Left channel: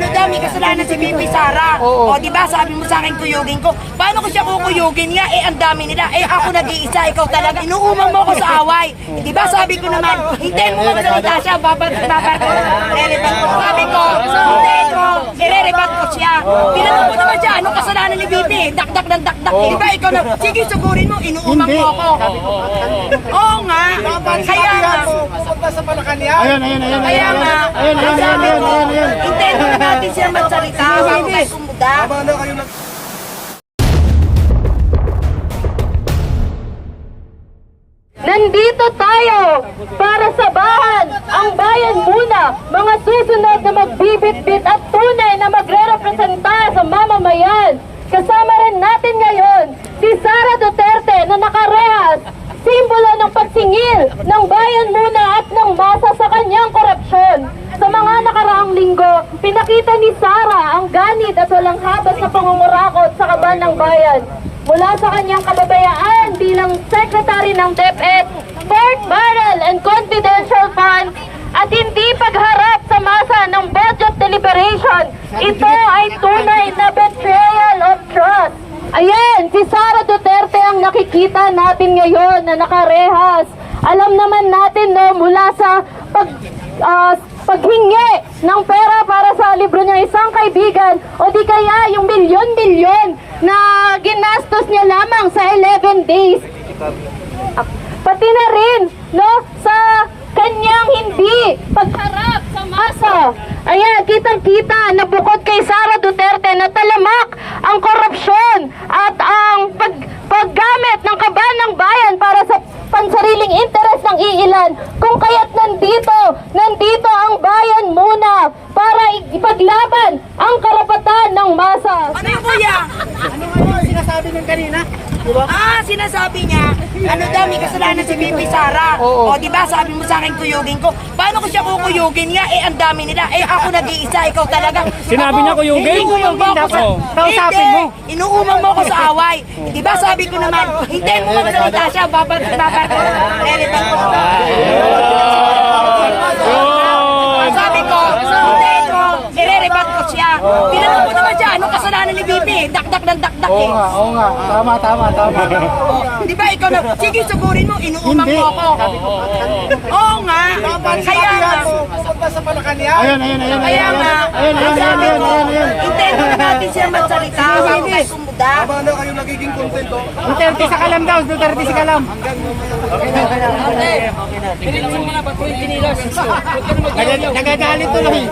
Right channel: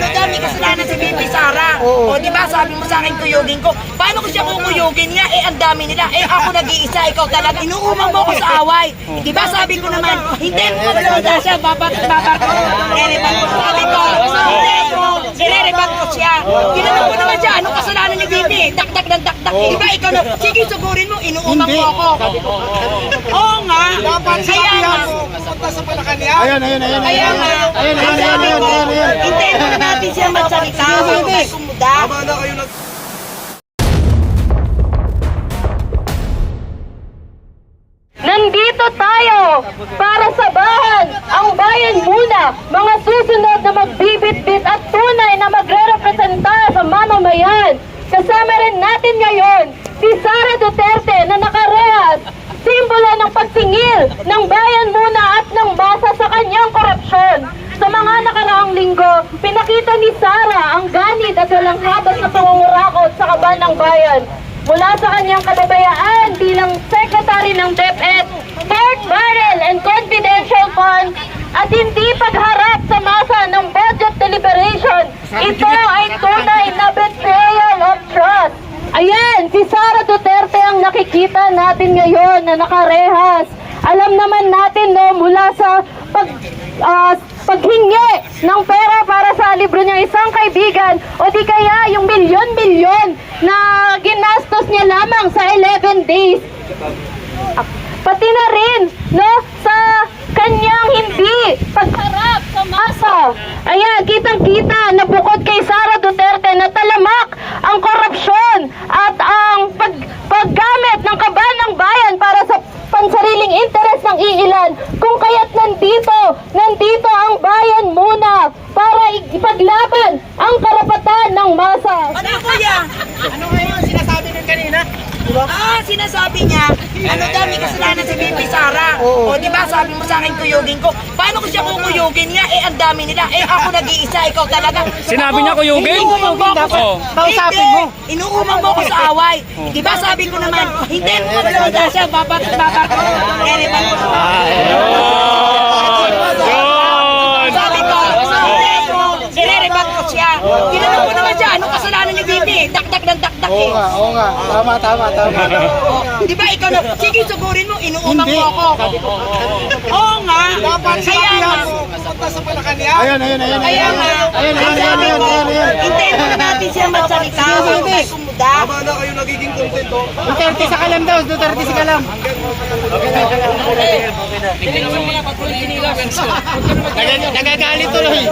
ano dami kasalanan si Bibi Sara. O di ba sabi mo sa akin kuyugin ko. Paano ko siya kukuyugin nga? Eh ang dami nila. Eh ako nag-iisa, ikaw talaga. Inuumang mo ko sa away. Di ba sabi ko naman, hintayin mo magsalita siya. Ireribang ko. Sabi ko, ireribang ko siya. Tinanong ko naman siya, anong kasalanan ni Bibi? Dakdak ng dakdak. Di ba ikaw na, sige sagurin mo, inuumang mo ako. Oo nga. Kaya nga. Pupunta sa Malacanang. Kaya nga. Sabi ko, hintayin mo na natin siya magsalita. Hindi. Kumuda. Nandito tayo para sabahan ang bayan muna, mga susunod na magbibit-bit at tunay na magre-representa sa mamamayan. Kasama rin natin ngayon si Sara Duterte na nakarehas, simbolo ng pagsingil ng bayan muna at ng masa sa kanyang korupsyon. Sa mga nakaraang linggo, pinakita ni Sara ang ganit at walang habas na pangungurakot sa kaban ng bayan. Mula sa kanyang kababayaan bilang Secretary ng DepEd, Pork Barrel and Confidential Fund, at hindi pagharap sa masa ng budget deliberation, ito ay tunay na betrayal of trust. Ayan, si Sara Duterte ang nakikita natin ngayon na nakarehas. Alam naman natin no, mula sa paghingi ng pera para sa libro niya isang kaibigan o di kaya yung milyon-milyon na ginastos niya lamang sa 11 days. Pati na rin no, sa kanyang hindi pagharap sa masa. Ayan, kitang-kita na bukod kay Sara Duterte na talamak ang korupsyon at ang paggamit ng kaban ng bayan para sa pansariling interes ng iilan. Kung kaya't nandito ang bayan muna para ipaglaban ang karapatan ng masa. Ano yung kuya? Ano ngayon sinasabi ng kanina? Sinasabi niya, ano dami kasalanan si Bibi Sara. O di ba sabi mo sa akin kuyugin ko. Paano ko siya kukuyugin nga? Eh ang dami nila. Eh ako nag-iisa, ikaw talaga. Sinabi niya kuyugin? Inuumang mo ako sa... Kausapin mo. Inuumang mo ako sa away. Di ba sabi ko naman, hintayin mo magsalita siya. Ireribang ko. Sabi ko, ireribang ko siya. Tinanong ko naman siya, anong kasalanan ni Bibi? Dakdak ng dakdak eh. Oo nga. Tama. Di ba ikaw na, sige sagurin mo, inuumang mo ako. Oo nga. Kaya nga. Pupunta sa Malacanang. Kaya nga. Sabi ko, hintayin mo na natin siya magsalita. Hindi. Kumuda. Paano kayo nagiging kontento? Duterte sa kalam daw, Duterte sa kalam. Nagagalit tuloy.